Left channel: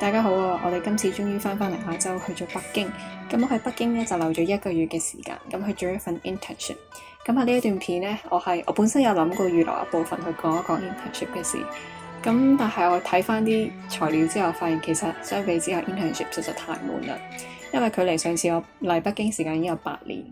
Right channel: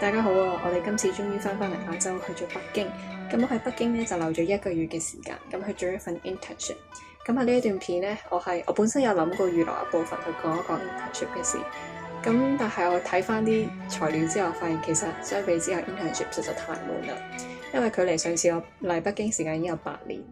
大家好啊！我哋今次終於翻嚟亞洲，去咗北京。咁我喺北京咧就留咗1個月嘅時間，咁去做一份 internship。咁喺呢一段片咧，我本身有諗過預留一部分去講一講 internship 嘅事。咁但係我睇翻啲材料之後，發現其實相比之下 internship 實在太悶啦。因為距離上次我嚟北京時間已經有8年。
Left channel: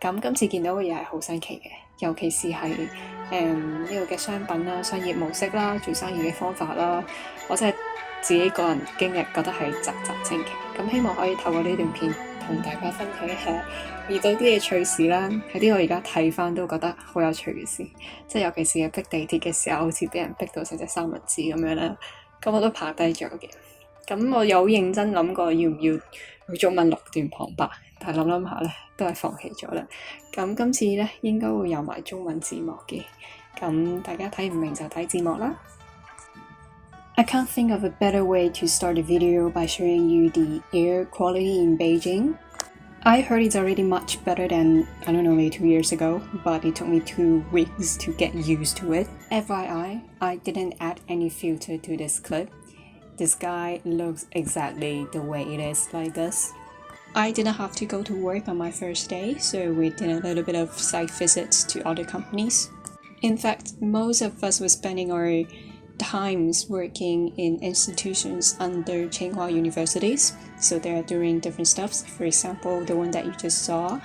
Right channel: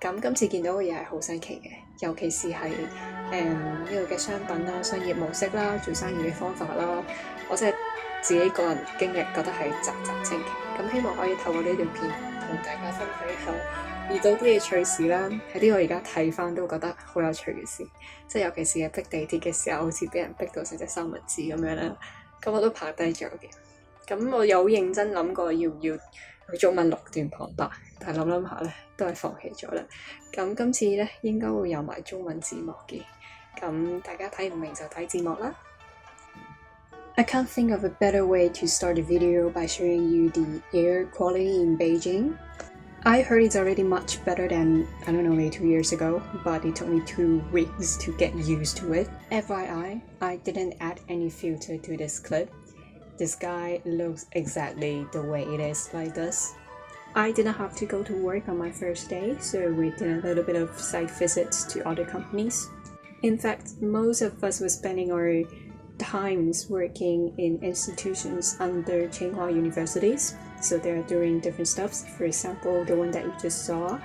咁今次見到嘅嘢係好新奇嘅，尤其是係呢度嘅商品啦、商業模式啦、做生意嘅方法啦，我真係自己個人經歷覺得係嘖嘖稱奇。咁希望可以透過呢段片同大家分享一下遇到啲嘅趣事啦，係啲我而家睇翻都覺得好有趣嘅事，即係尤其是係逼地鐵嘅時候，好似俾人逼到成隻三文治咁樣啦，咁我都拍低咗嘅。咁我有認真諗過要唔要用中文錄段旁白，但係諗下咧都係放棄咗啦。咁今次咧應該會有埋中文字幕嘅，咁大家睇唔明就睇字幕啦。I can't think of a better way to start a video by showing you the air quality in Beijing. I heard it's already much better than, I don't know, maybe 2 years ago, but it took me 2 weeks to get used to it. FYI, I didn't add any filter to this clip. The sky looks exactly the way it is like this. I didn't have to go to work on my first day, so we did a little bit of site visits to other companies. In fact, most of us were spending our times working in institutions under Tsinghua universities, so they're doing different stuff. For example, the one that you just saw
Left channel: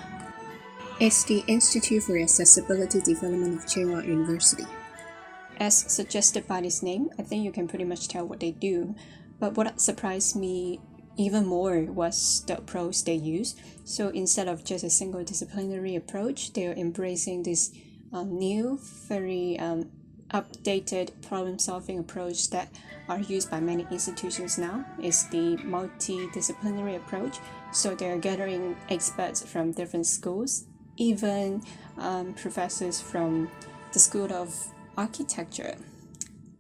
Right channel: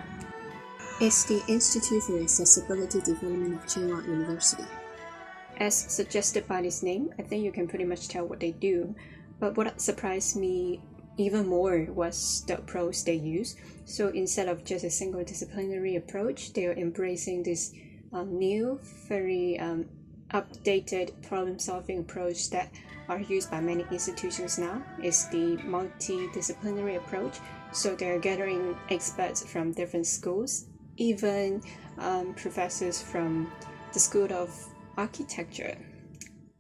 is the Institute for Accessibility Development of Tsinghua University. As suggested by this name, I think you can pretty much tell what they do, but what surprised me even more was the approach they use. So instead of just a single disciplinary approach, they are embracing this new, very updated problem-solving approach that are used by many institutions now. It's the multidisciplinary approach. So they're gathering experts from different schools, even professors from the School of Architecture.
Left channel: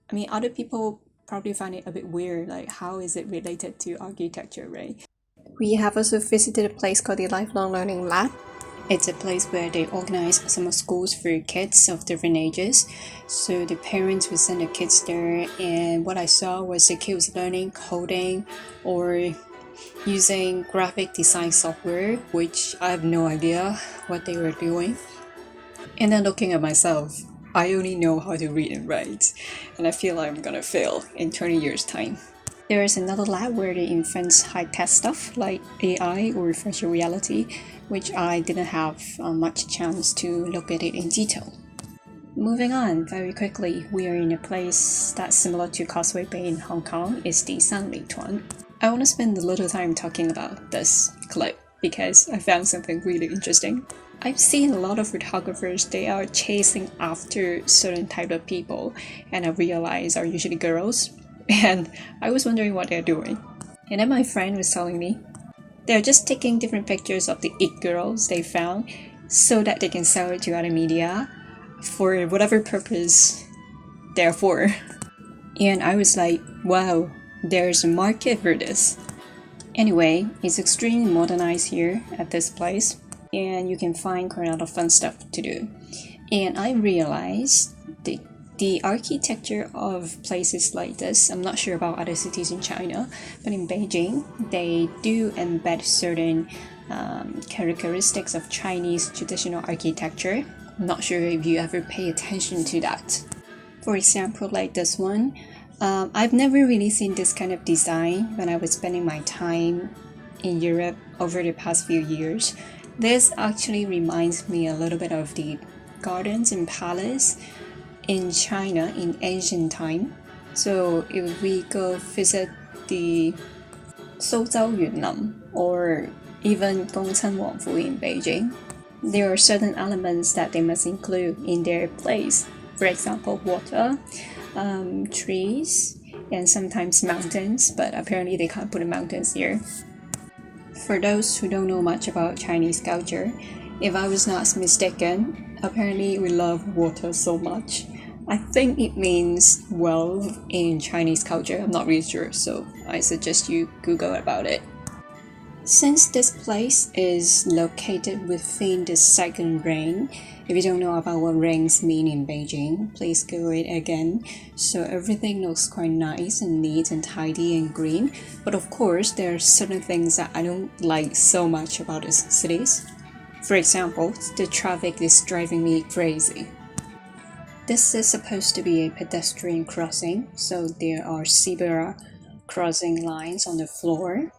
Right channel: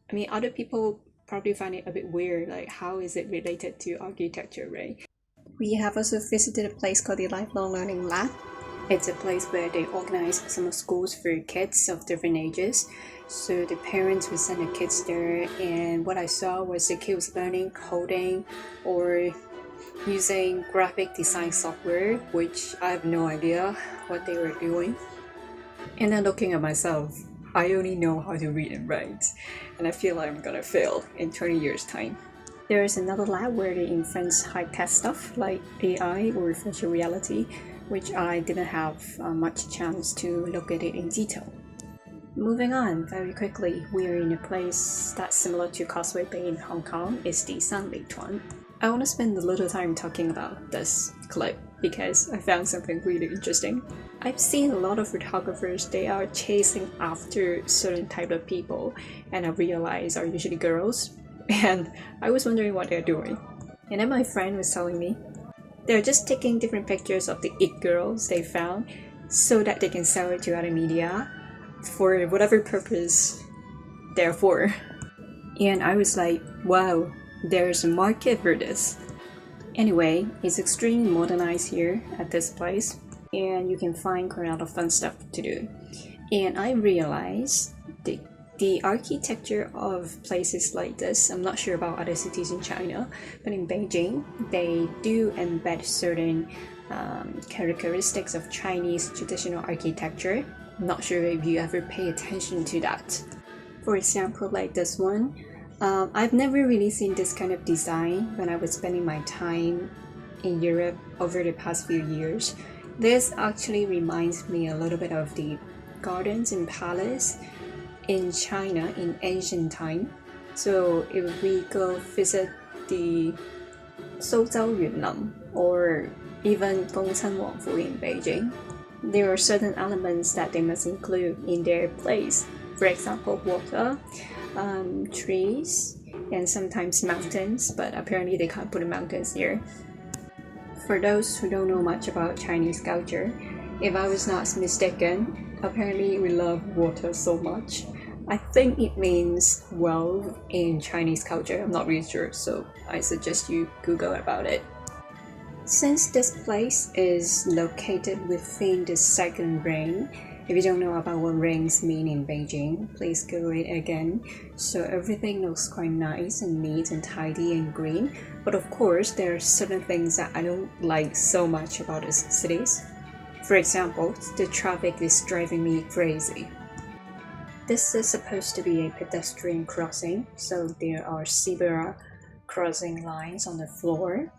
I mean, other people probably find it a bit weird, like how is it related to architecture, right? We have also visited a place called the Lifelong Learning Lab. It's a place where they organize summer schools for kids of different ages. So the parents would send their kids there, and what I saw was the kids learning coding or using graphic design software, which I have no idea what they were doing. And then looking at myself, I only know how to read and write, and I feel like I'm gonna fail in 20 years' time. There is another lab where they invent high-tech stuff like AI or virtual reality, which I didn't have much chance to look at it in detail. Moving on very quickly, we are in a place that's similar to Causeway Bay in Hong Kong. It's the Sanlituan. I want to spend a little time talking about this clip because I found something really interesting. I've seen a lot of photographers, they are chasing after certain type of people, and I realize are usually girls, and I was wondering what they're doing. And then my friend was telling me they're just taking different pictures of the it girls they found so that they can sell it to other media for whatever purpose they're for. And I was like, wow, there's a market for this. Anyway, it's extremely modernized here at this place, and you can find quite a lot of fun stuff to do. And I realized the architecture of places like this, I'm not sure about other cities in China, but in Beijing, they do embed certain characteristics of Chinese traditional architecture. I'm not sure if you ever pay attention to that. For example, like this one, I've never really seen this kind of design when I was spending my time in Europe over the past few years. This actually reminds me a little bit of the gardens and palace in China in ancient time. So if we go visit the Souzhou Yunnan or even Gongchen Wangfu in Beijing, there are certain elements that they must include in their place. For example, water, trees, and sometimes mountains, but apparently they can't put in mountains here. For those who don't know much about Chinese culture, if I was not mistaken, apparently we love water so much. I think it means wealth in Chinese culture. I'm not really sure, so I suggest you Google about it. Since this place is located within the second ring, if you don't know about what rings mean in Beijing, please Google it again. So everything looks quite nice and neat and tidy and green. But of course, there are certain things that I don't like so much about these cities. For example, the traffic is driving me crazy. This is supposed to be a pedestrian crossing, so there are zebra crossing lines on the floor.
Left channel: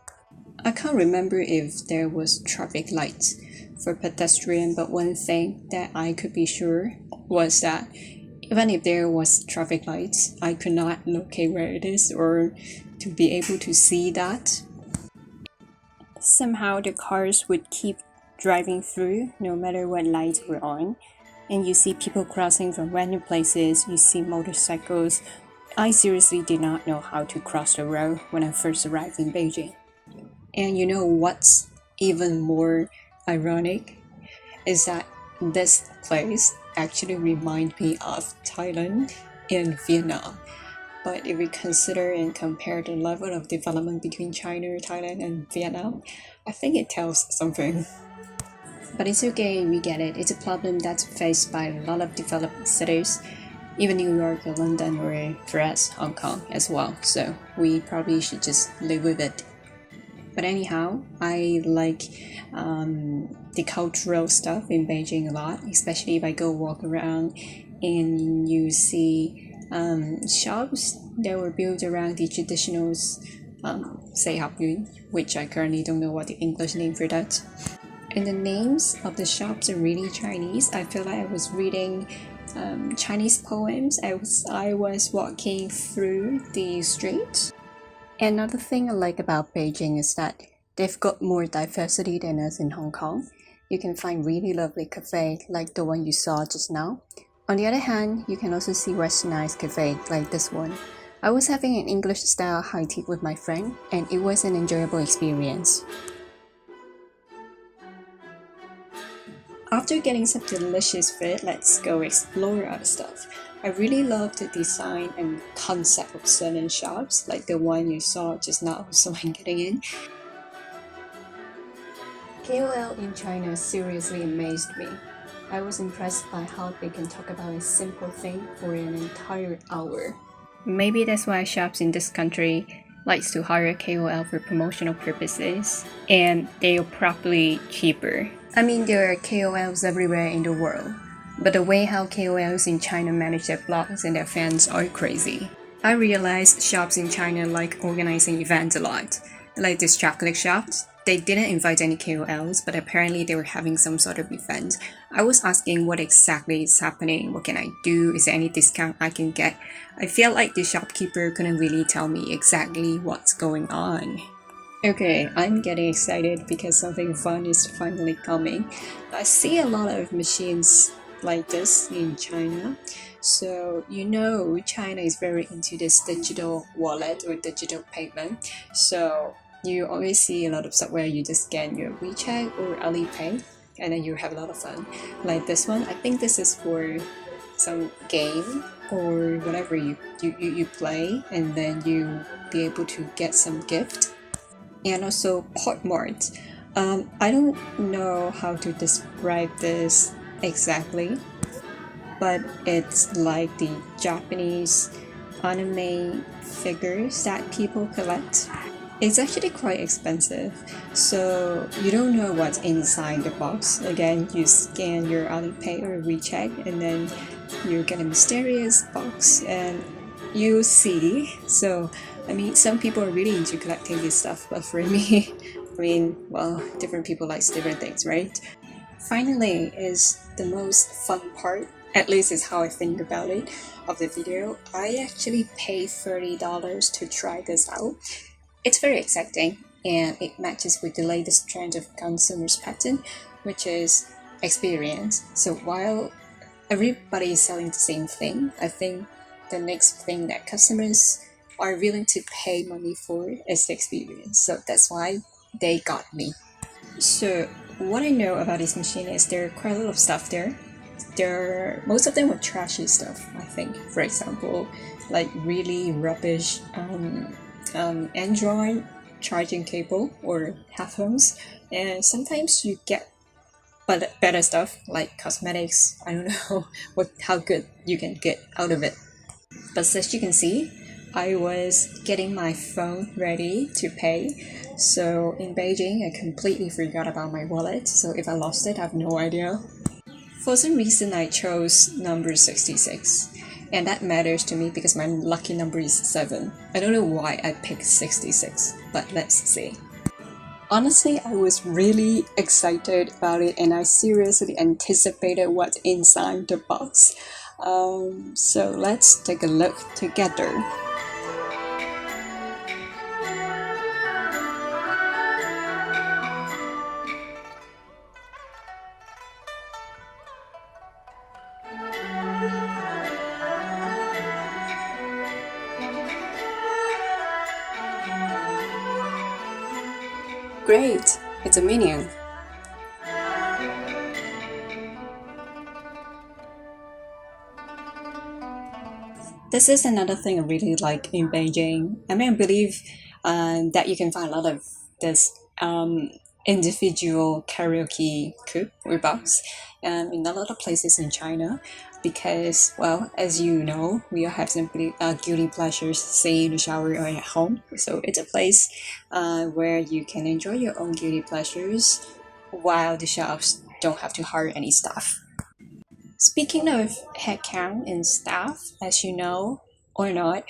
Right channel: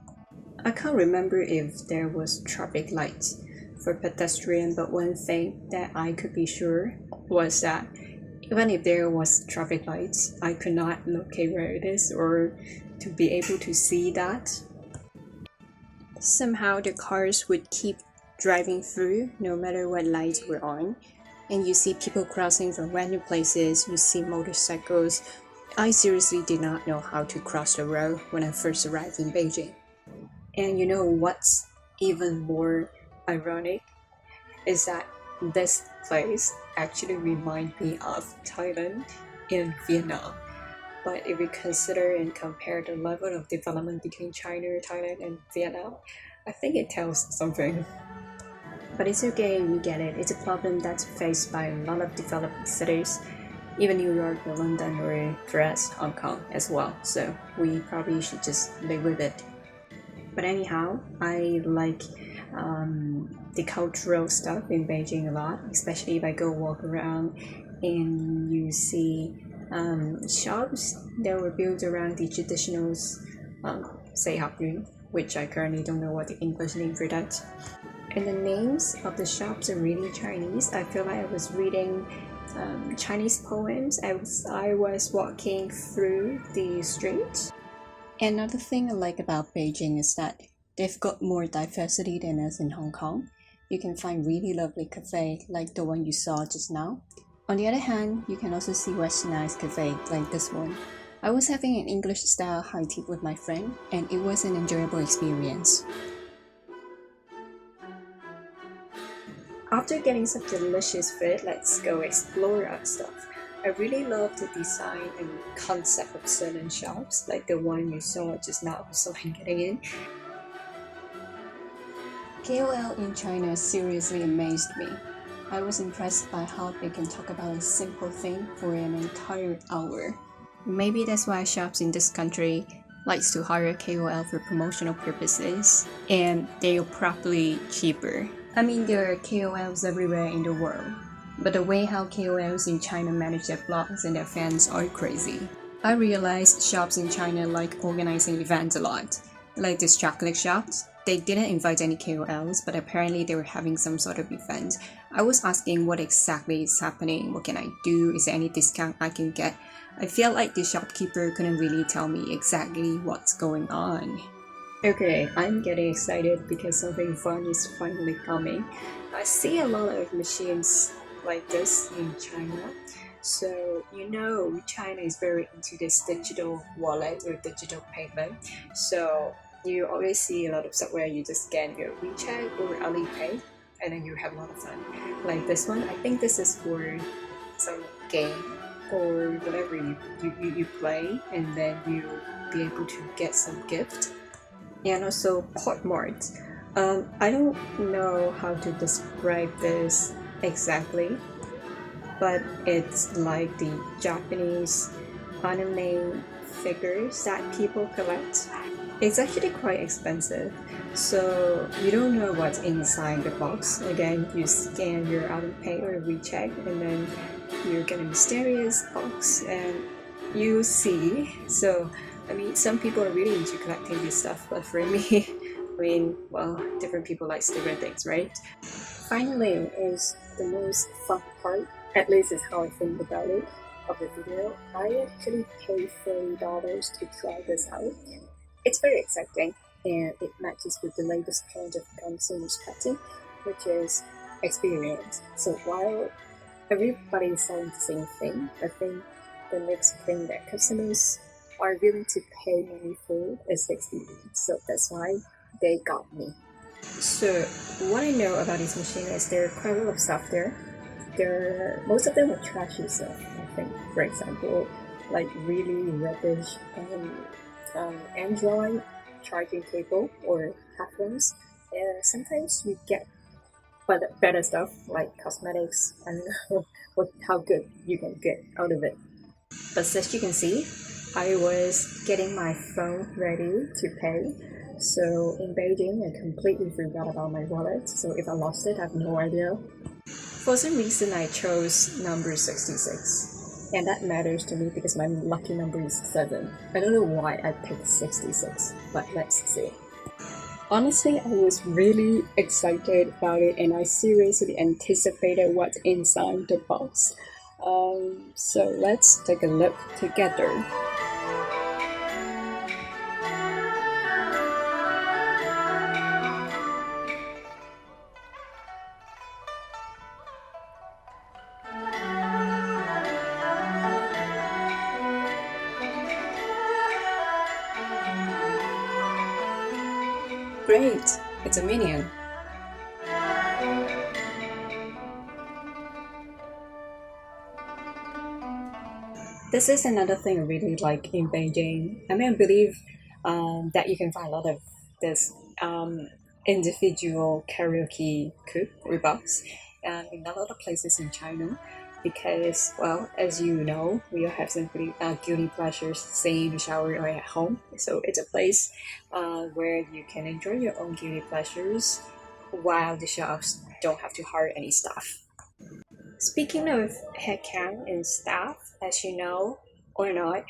I can't remember if there was traffic lights for pedestrian, but one thing that I could be sure was that even if there was traffic lights, I could not locate where it is or to be able to see that. Somehow the cars would keep driving through no matter what lights were on, and you see people crossing from random places, you see motorcycles. I seriously did not know how to cross the road when I first arrived in Beijing. And you know what's even more ironic is that this place actually reminds me of Thailand and Vietnam. But if we consider and compare the level of development between China, Thailand, and Vietnam, I think it tells something. But it's okay, we get it. It's a problem that's faced by a lot of developed cities, even New York or London or for us, Hong Kong as well. So we probably should just live with it. But anyhow, I like the cultural stuff in Beijing a lot, especially if I go walk around and you see shops that were built around the traditional say Hapyun, which I currently don't know what the English name for that. And the names of the shops are really Chinese. I feel like I was reading Chinese poems as I was walking through the street. Another thing I like about Beijing is that they've got more diversity than us in Hong Kong. You can find really lovely cafes like the one you saw just now. On the other hand, you can also see westernized cafes like this one. I was having an English-style high tea with my friend, and it was an enjoyable experience. After getting some delicious food, let's go explore our stuff. I really love the design and concept of certain shops, like the one you saw just now, so I'm getting in. KOL in China seriously amazed me. I was impressed by how they can talk about a simple thing for an entire hour. Maybe that's why shops in this country likes to hire KOL for promotional purposes, and they are probably cheaper. I mean, there are KOLs everywhere in the world, but the way how KOLs in China manage their blogs and their fans are crazy. I realized shops in China like organizing events a lot. Like this chocolate shop, they didn't invite any KOLs, but apparently they were having some sort of event. I was asking what exactly is happening, what can I do, is there any discount I can get? I feel like the shopkeeper couldn't really tell me exactly what's going on. Okay, I'm getting excited because something fun is finally coming. I see a lot of machines like this in China. So, you know, China is very into this digital wallet or digital payment. So, you always see a lot of stuff where you just scan your WeChat or Alipay and then you have a lot of fun. Like this one, I think this is for some game or whatever you play, and then you be able to get some gift. And also Portmart. I don't know how to describe this exactly, but it's like the Japanese anime figures that people collect. It's actually quite expensive, so you don't know what's inside the box. Again, you scan your Alipay or WeChat, and then you get a mysterious box, and you see. So, I mean, some people are really into collecting this stuff, but for me, I mean, well, different people like different things, right? Finally, is the most fun part, at least is how I think about it, of the video. I actually paid $30 to try this out. It's very exciting, and it matches with the latest trend of consumers pattern, which is experience. So while everybody is selling the same thing, I think the next thing that customers are willing to pay money for is the experience. So that's why they got me. So what I know about this machine is there are quite a lot of stuff there. Most of them are trashy stuff, I think. For example, like really rubbish Android charging cable or headphones, and sometimes you get better stuff like cosmetics. I don't know how good you can get out of it. But as you can see, I was getting my phone ready to pay. So in Beijing, I completely forgot about my wallet. So if I lost it, I have no idea. For some reason, I chose number 66. And that matters to me because my lucky number is 7. I don't know why I picked 66, but let's see. Honestly, I was really excited about it and I seriously anticipated what's inside the box. So let's take a look together. Great, it's a minion. This is another thing I really like in Beijing. I believe that you can find a lot of this individual karaoke coop or box in a lot of places in China because, well, as you know, we all have some guilty pleasures, say in the shower or at home. So it's a place where you can enjoy your own guilty pleasures while the shops don't have to hire any staff. Speaking of headcount and staff, as you know or not,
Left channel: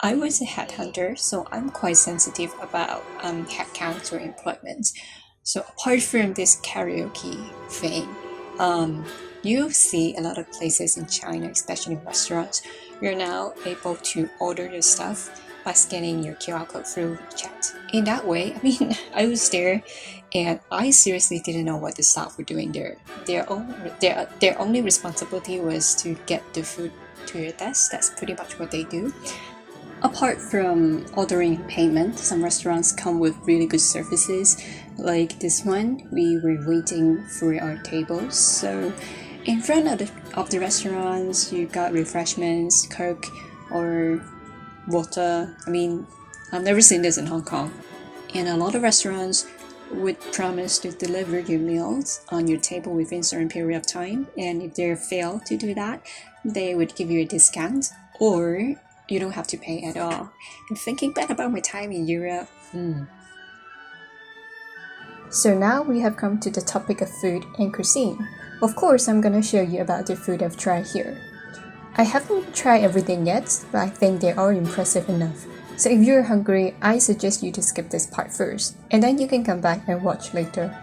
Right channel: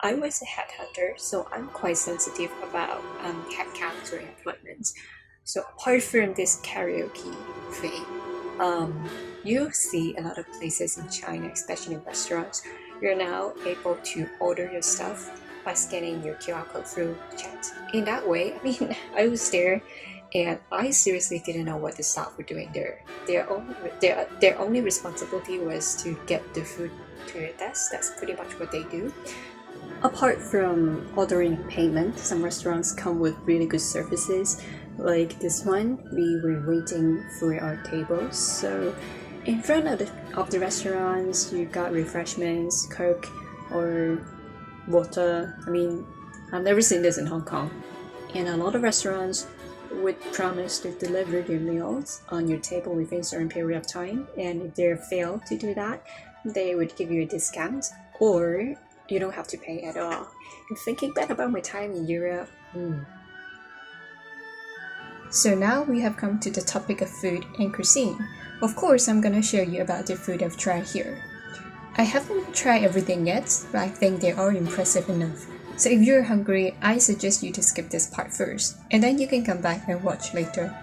I was a headhunter, so I'm quite sensitive about headcounts or employment. So apart from this karaoke thing, you see a lot of places in China, especially restaurants, you're now able to order your stuff by scanning your QR code through chat. In that way, I was there and I seriously didn't know what the staff were doing there. Their only responsibility was to get the food to your desk. That's pretty much what they do. Apart from ordering and payment, some restaurants come with really good services. Like this one, we were waiting for our tables. So in front of the restaurants, you got refreshments, Coke or water. I've never seen this in Hong Kong. And a lot of restaurants would promise to deliver your meals on your table within a certain period of time. And if they fail to do that, they would give you a discount or you don't have to pay at all. And thinking back about my time in Europe, So now we have come to the topic of food and cuisine. Of course, I'm gonna show you about the food I've tried here. I haven't tried everything yet, but I think they're all impressive enough. So if you're hungry, I suggest you to skip this part first, and then you can come back and watch later.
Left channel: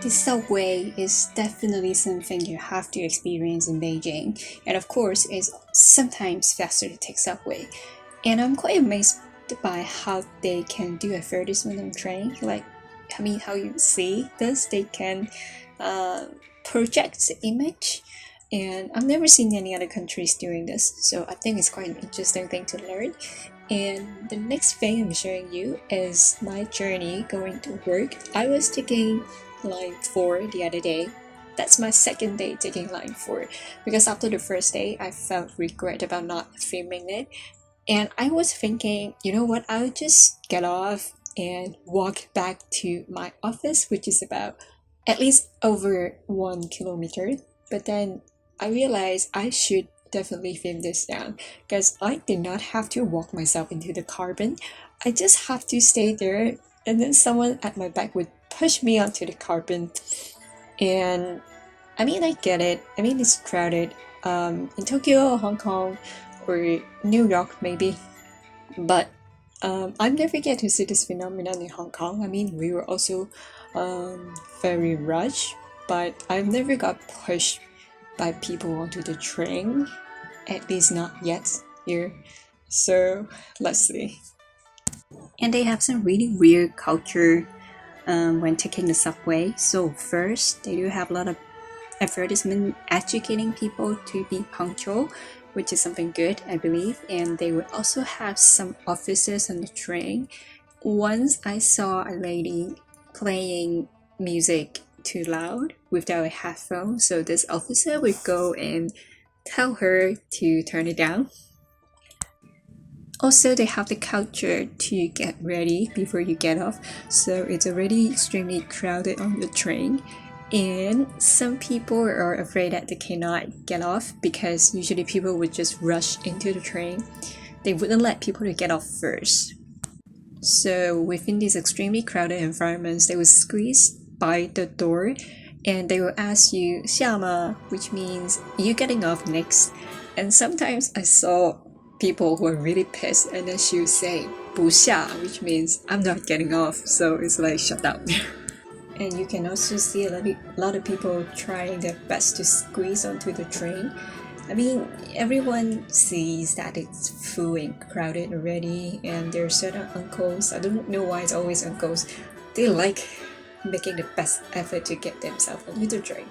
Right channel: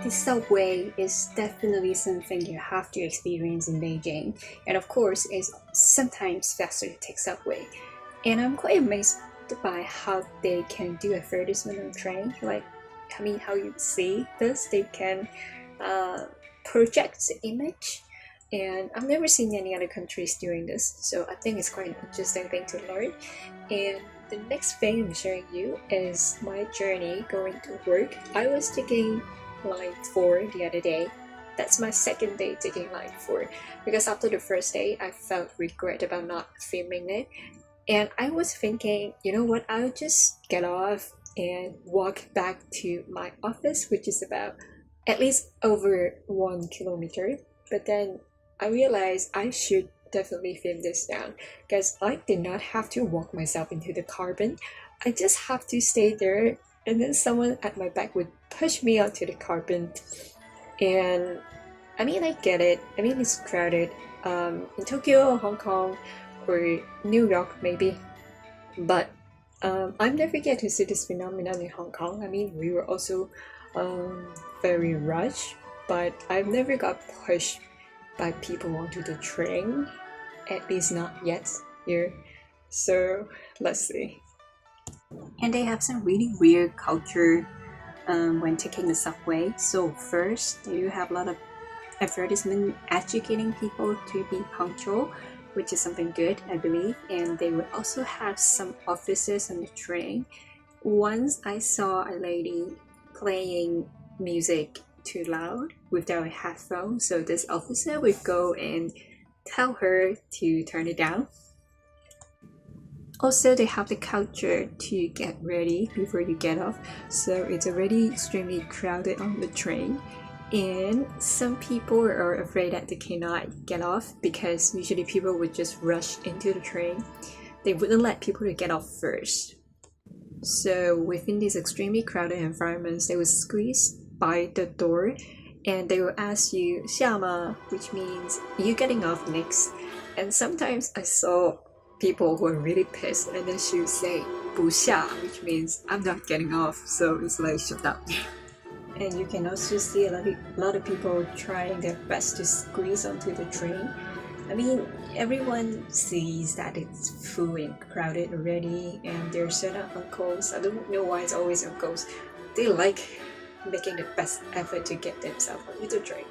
The subway is definitely something you have to experience in Beijing, and of course, it's sometimes faster to take subway. And I'm quite amazed by how they can do advertisement on train. How you see this, they can project the image, and I've never seen any other countries doing this, so I think it's quite an interesting thing to learn. And the next thing I'm showing you is my journey going to work. I was taking line 4 the other day. That's my second day taking line 4 because after the first day I felt regret about not filming it, and I was thinking, you know what, I'll just get off and walk back to my office, which is about at least over 1 kilometer. But then I realized I should definitely film this down because I did not have to walk myself into the carbon. I just have to stay there and then someone at my back would push me onto the carbon. And I mean, I get it. I mean, it's crowded in Tokyo, Hong Kong, or New York, maybe. But I've never get to see this phenomenon in Hong Kong. I mean, we were also very rushed, but I've never got pushed by people onto the train, at least not yet here. So let's see. And they have some really weird culture when taking the subway. So first, they do have a lot of advertisement educating people to be punctual, which is something good, I believe. And they would also have some officers on the train. Once I saw a lady playing music too loud without a headphone, so this officer would go and tell her to turn it down. Also, they have the culture to get ready before you get off, so it's already extremely crowded on the train. And some people are afraid that they cannot get off because usually people would just rush into the train. They wouldn't let people to get off first. So within these extremely crowded environments, they would squeeze by the door and they will ask you 下吗, which means you getting off next. And sometimes I saw people who are really pissed and then she would say 不下, which means I'm not getting off. So it's like, shut up. And you can also see a lot of people trying their best to squeeze onto the train. I mean, everyone sees that it's full and crowded already, and there are certain uncles, I don't know why it's always uncles, they like making the best effort to get themselves onto the train.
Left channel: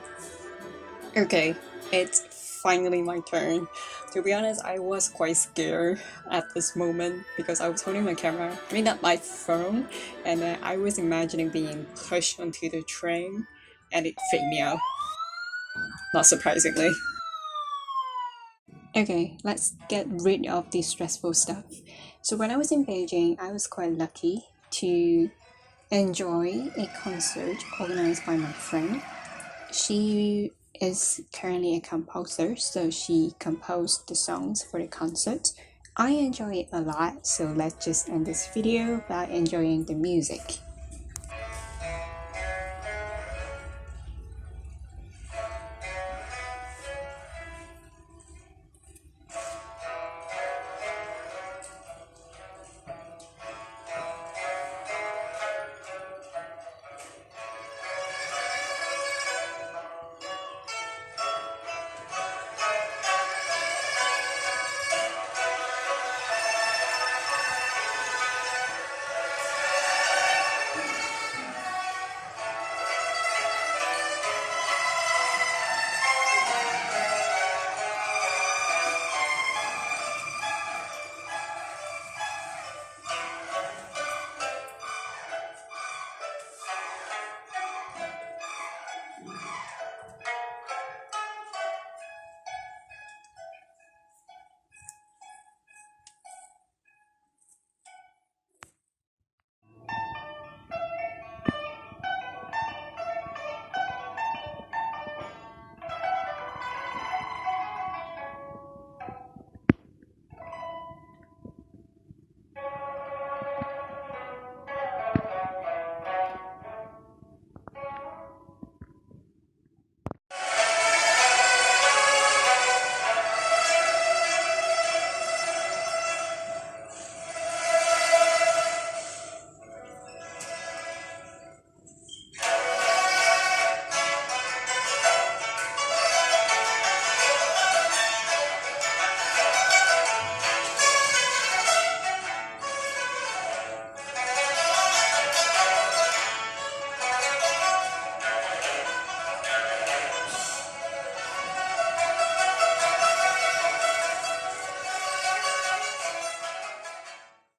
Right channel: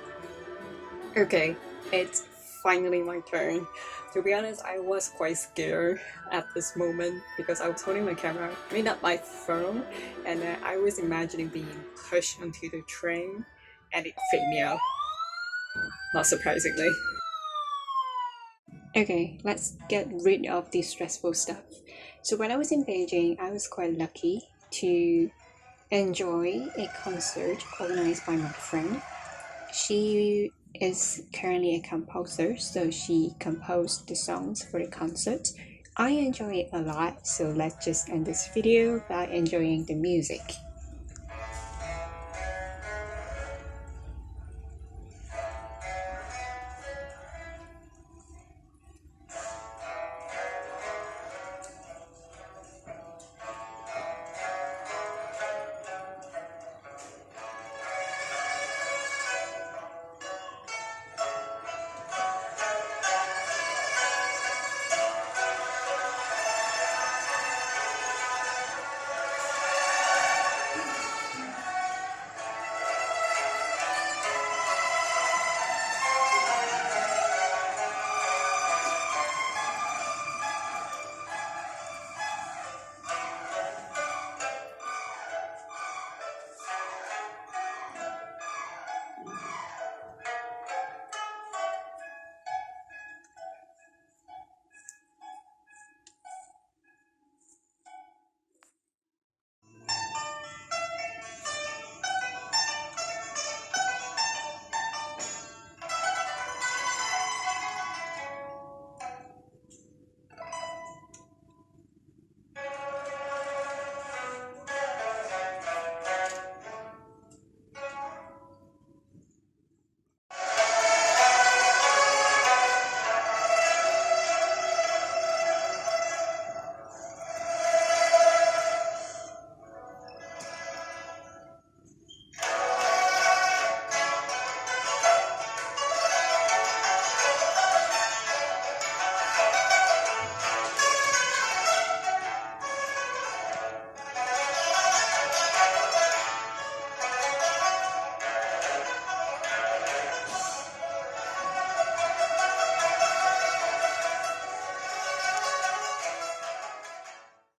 Okay, it's finally my turn. To be honest, I was quite scared at this moment because I was holding my camera, I mean not my phone, and I was imagining being pushed onto the train and it freaked me out. Not surprisingly. Okay, let's get rid of the stressful stuff. So when I was in Beijing, I was quite lucky to enjoy a concert organized by my friend. She is currently a composer, so she composed the songs for the concert. I enjoy it a lot, so let's just end this video by enjoying the music.